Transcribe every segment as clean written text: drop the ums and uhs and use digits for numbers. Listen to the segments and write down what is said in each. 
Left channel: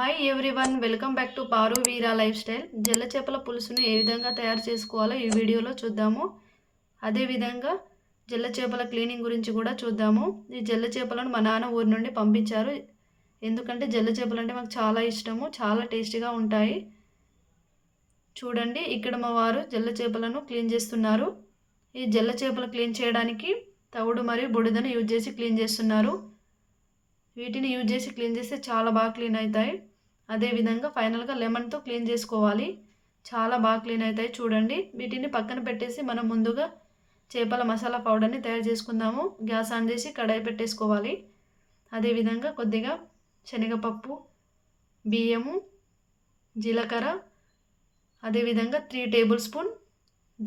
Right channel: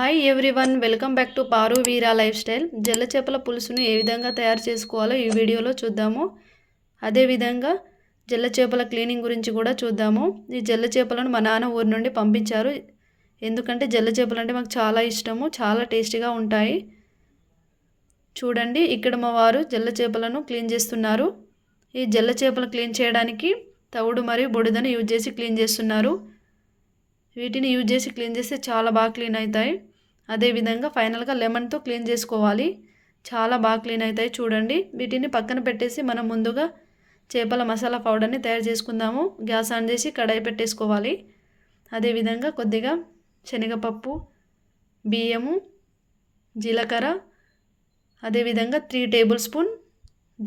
Hi everyone, welcome back to Paru Veera lifestyle. జల్ల చేపల పులుసును ఏ విధంగా తయారు చేసుకోవాలో ఈ వీడియోలో చూద్దాము. అదేవిధంగా జల్ల చేపల క్లీనింగ్ గురించి కూడా చూద్దాము. ఈ జల్ల చేపలను మా నాన్న ఊరి నుండి పంపించారు. ఎందుకంటే జల్ల చేపలు అంటే మాకు చాలా ఇష్టము, చాలా టేస్టీగా ఉంటాయి. చూడండి, ఇక్కడ మా వారు జల్ల చేపలను క్లీన్ చేస్తున్నారు. ఈ జల్ల చేపలు క్లీన్ చేయడానికి తవుడు మరియు బుడిదను యూజ్ చేసి క్లీన్ చేస్తున్నారు. వీటిని యూజ్ చేసి క్లీన్ చేస్తే చాలా బాగా క్లీన్ అవుతాయి. అదేవిధంగా ఫైనల్గా లెమన్తో క్లీన్ చేసుకోవాలి. చాలా బాగా క్లీన్ అవుతాయి. చూడండి, వీటిని పక్కన పెట్టేసి మనం ముందుగా చేపల మసాలా పౌడర్ని తయారు చేసుకుందాము. గ్యాస్ ఆన్ చేసి కడాయి పెట్టేసుకోవాలి. అదేవిధంగా కొద్దిగా శనగపప్పు, బియ్యము, జీలకర్ర, అదేవిధంగా 3 టేబుల్ స్పూన్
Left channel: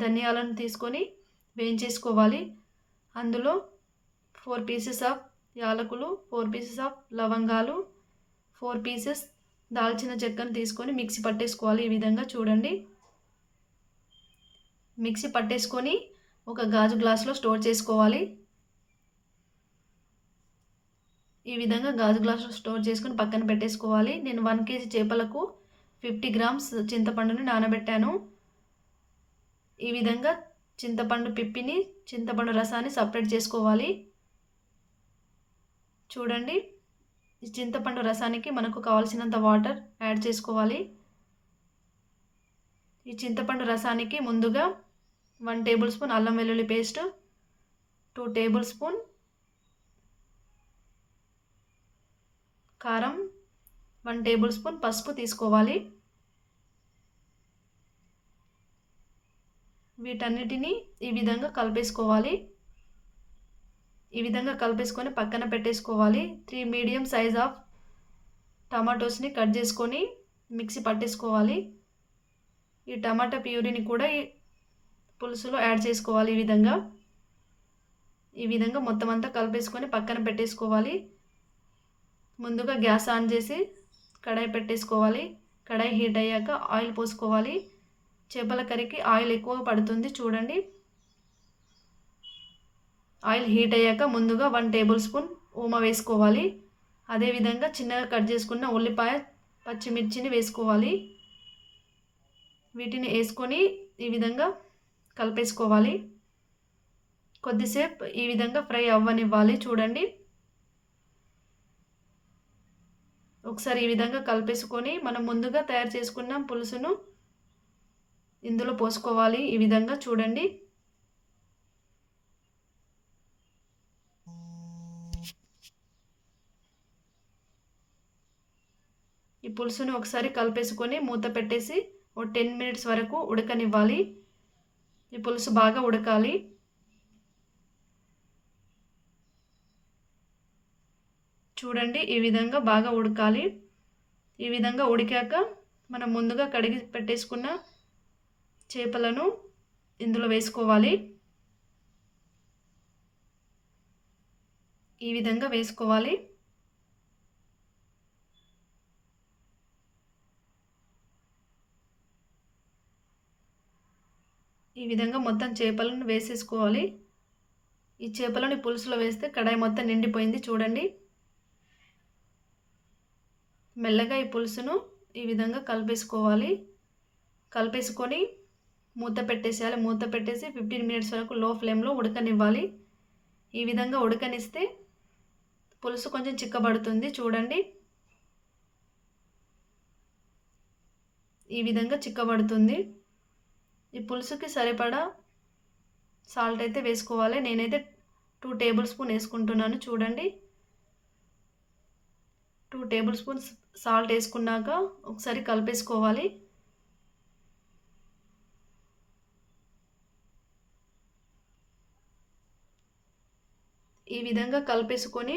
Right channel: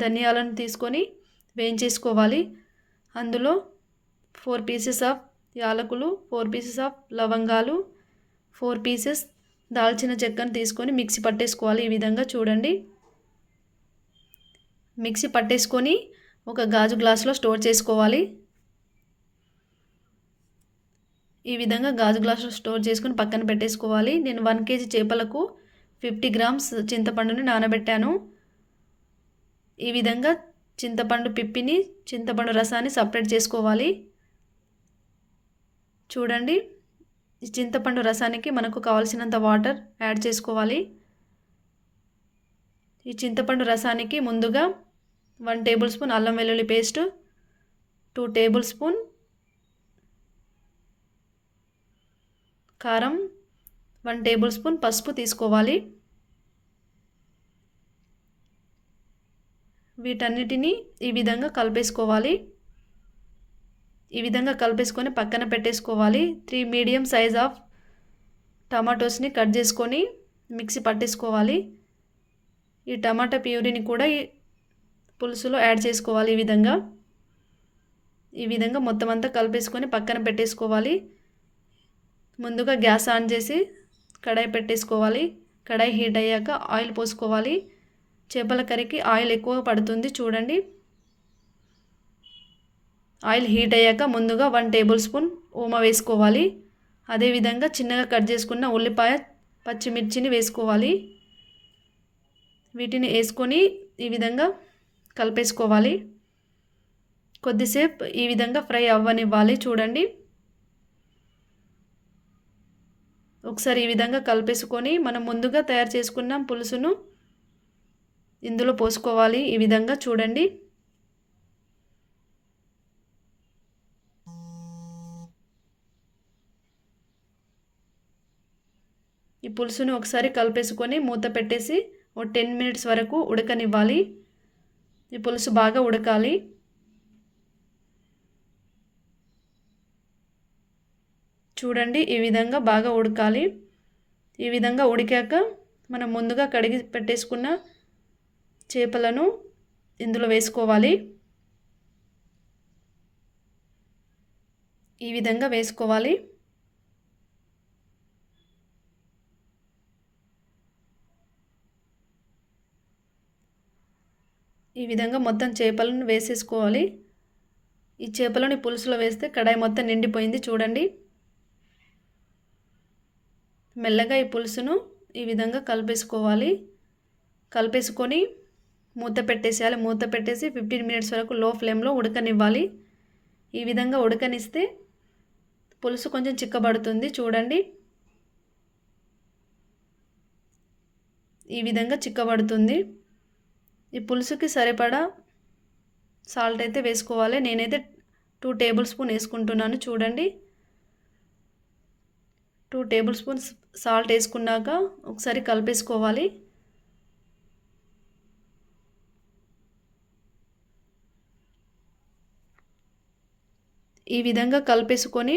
ధనియాలను తీసుకొని వేయించేసుకోవాలి. అందులో 4 పీసెస్ ఆఫ్ యాలకులు, 4 పీసెస్ ఆఫ్ లవంగాలు, 4 పీసెస్ దాల్చిన చెక్కను తీసుకొని మిక్సీ పట్టేసుకోవాలి. ఈ విధంగా చూడండి, మిక్సీ పట్టేసుకొని ఒక గాజు గ్లాసులో స్టోర్ చేసుకోవాలి. ఈ విధంగా గాజు గ్లాసులో స్టోర్ చేసుకొని పక్కన పెట్టేసుకోవాలి. నేను 1 కేజీ చేపలకు 50 గ్రామ్స్ చింతపండుని నానబెట్టాను. ఈ విధంగా చింతపండు పిప్పిని, చింతపండు రసాన్ని సపరేట్ చేసుకోవాలి. చూడండి, ఈ చింతపండు రసానికి మనకు కావాల్సినంత వాటర్ యాడ్ చేసుకోవాలి. ఈ చింతపండు రసానికి ముందుగా 1 టేబుల్ స్పూన్ అల్లం వెల్లుల్లి పేస్ట్, 2 టేబుల్ స్పూన్ కారం, 1 టేబుల్ స్పూన్ పసుపు తీసుకోవాలి. వీటన్నిటిని ఈ విధంగా కలిపేసుకోవాలి. ఈ విధంగా కలిపేసుకొని పక్కన పెట్టేసుకోవాలి. 3 మీడియం సైజ్ ఆఫ్ టమాటోస్ని కట్ చేసుకొని మిక్సీ పట్టేసుకోవాలి. ఈ టమాటా ప్యూరీని కూడా ఈ పులుసులో యాడ్ చేసుకోవాలి. ఈ విధంగా మొత్తం అంతా కలిపేసుకొని పక్కన పెట్టేసుకోవాలి. ముందుగా గ్యాస్ ఆన్ చేసి కడాయి పెట్టేసుకోవాలి. కడాయి హీట్ అయ్యాక ఆయిల్ పోసుకోవాలి. చేపల కర్రీకి ఆయిల్ ఎక్కువ పడుతుంది. చూడండి, ఆయిల్ హీట్ అయ్యాక ముందుగా 1 టేబుల్ స్పూన్ ఓమ వేసుకోవాలి. అదేవిధంగా చిన్నగా కట్ చేసుకున్న ఉల్లిపాయ, పచ్చిమిర్చిని వేసుకోవాలి. వీటిని వేసుకొని ఈ విధంగా కలిపేసుకోవాలి. కొద్దిసేపు ఈ విధంగా ఫ్రై అవ్వనివ్వాలి. చూడండి, ఒకసారి ఈ విధంగా కలిపేసుకొని మనం ముందుగా తయారు చేసుకున్న పులుసును ఇందులో పోసుకోవాలి. ఈ విధంగా చూడండి, ఈ పులుసును ఒకసారి కలిపేసుకొని మూత పెట్టేసి ఓ 10 మినిట్స్ వరకు ఉడకనివ్వాలి. ఈ పులుసు బాగా ఉడకాలి. చూడండి, ఈ విధంగా బాగా ఉడకాలి. ఈ విధంగా ఉడికాక మనం ముందుగా కడిగి పెట్టేసుకున్న చేపలను ఇందులో వేసుకోవాలి. ఈ విధంగా వేసుకోవాలి. ఈ విధంగా మొత్తం చేపలను వేసేసుకోవాలి. ఈ చేపలని పులుసులో వేస్తే కడాయి మొత్తం నిండిపోయింది. చూడండి, మెల్లగా ఈ పులుసును ఈ విధంగా కలిపేసుకోవాలి. కలిపేసుకొని మూత పెట్టేసేయాలి. మూత పెట్టేసి 15 మినిట్స్ వరకు లో ఫ్లేమ్లో ఉడకనివ్వాలి. ఈ విధంగా ఉడకనిస్తే పులుసు కొంచెం చిక్కబడుతుంది. చూడండి, ఈ విధంగా చిక్కబడుతుంది. ఈ పులుసుకి సరిపడా సాల్ట్ అయితే వేసుకోవాలి. నేనైతే 2 టేబుల్ స్పూన్ వేసుకుంటున్నాను. చూడండి, 2 టేబుల్ స్పూన్స్ సాల్ట్ వేసుకున్నాక ఒకసారి కలిపేసుకోవాలి. ఈ విధంగా కలిపేసుకొని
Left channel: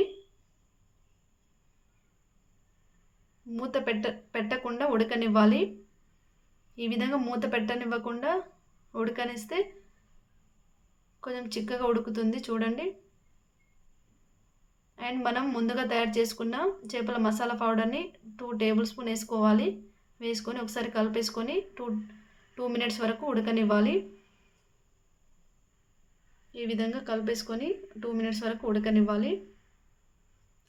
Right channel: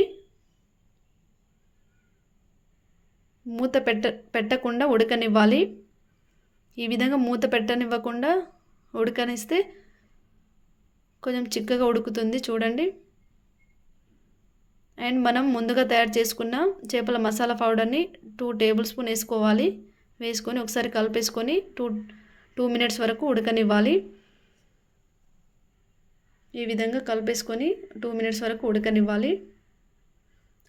మూత పెట్టకుండా ఉడకనివ్వాలి. ఈ విధంగా మూత పెట్టనివ్వకుండా ఉడకనిస్తే కొంచెం చిక్కగా ఉడుకుతుంది. చూడండి, అండ్ మనం ముందుగా తయారు చేసుకున్న చేపల మసాలా పౌడర్ని 2 టేబుల్ స్పూన్ వేసుకోవాలి. వేసుకొని ఒకసారి కలిపేసుకొని 2 మినిట్స్ వరకు ఉడకనివ్వాలి. ఈ విధంగా కలిపేసుకొని 2 మినిట్స్ వరకు ఉడకనివ్వాలి.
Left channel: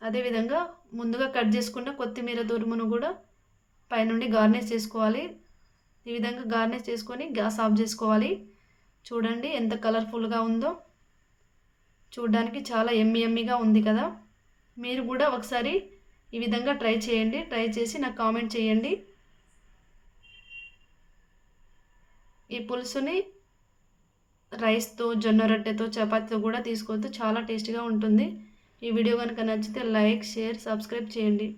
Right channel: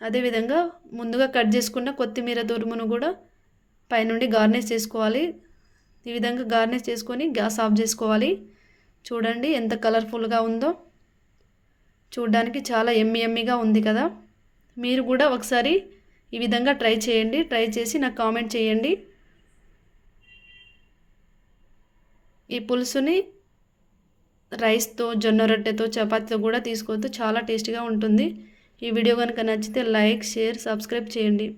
అదేవిధంగా ముందుగా కట్ చేసుకున్న కొత్తిమీర తురుమును కూడా పైనుండి గార్నిష్ చేసుకోవాలి. ఈ విధంగా గార్నిష్ చేసుకొని గ్యాస్ ఆఫ్ చేసుకోవాలి. చూడండి ఎంత కలర్ఫుల్గా ఉందో, చూడడానికి చాలా యమ్మీగా ఉంది కదా. మీరు కూడా ఒకసారి ఈ విధంగా ట్రై చేయండి. ట్రై చేసి నాకు కామెంట్ చేయండి. ఈ పులుసుని రైస్తో, జొన్న రొట్టెతో, చపాతీతో కూడా తీసుకోవచ్చు. చాలా టేస్టీగా ఉంటుంది. ఈ వీడియో కనుక నచ్చితే లైక్, షేర్, సబ్స్క్రైబ్ చేయండి.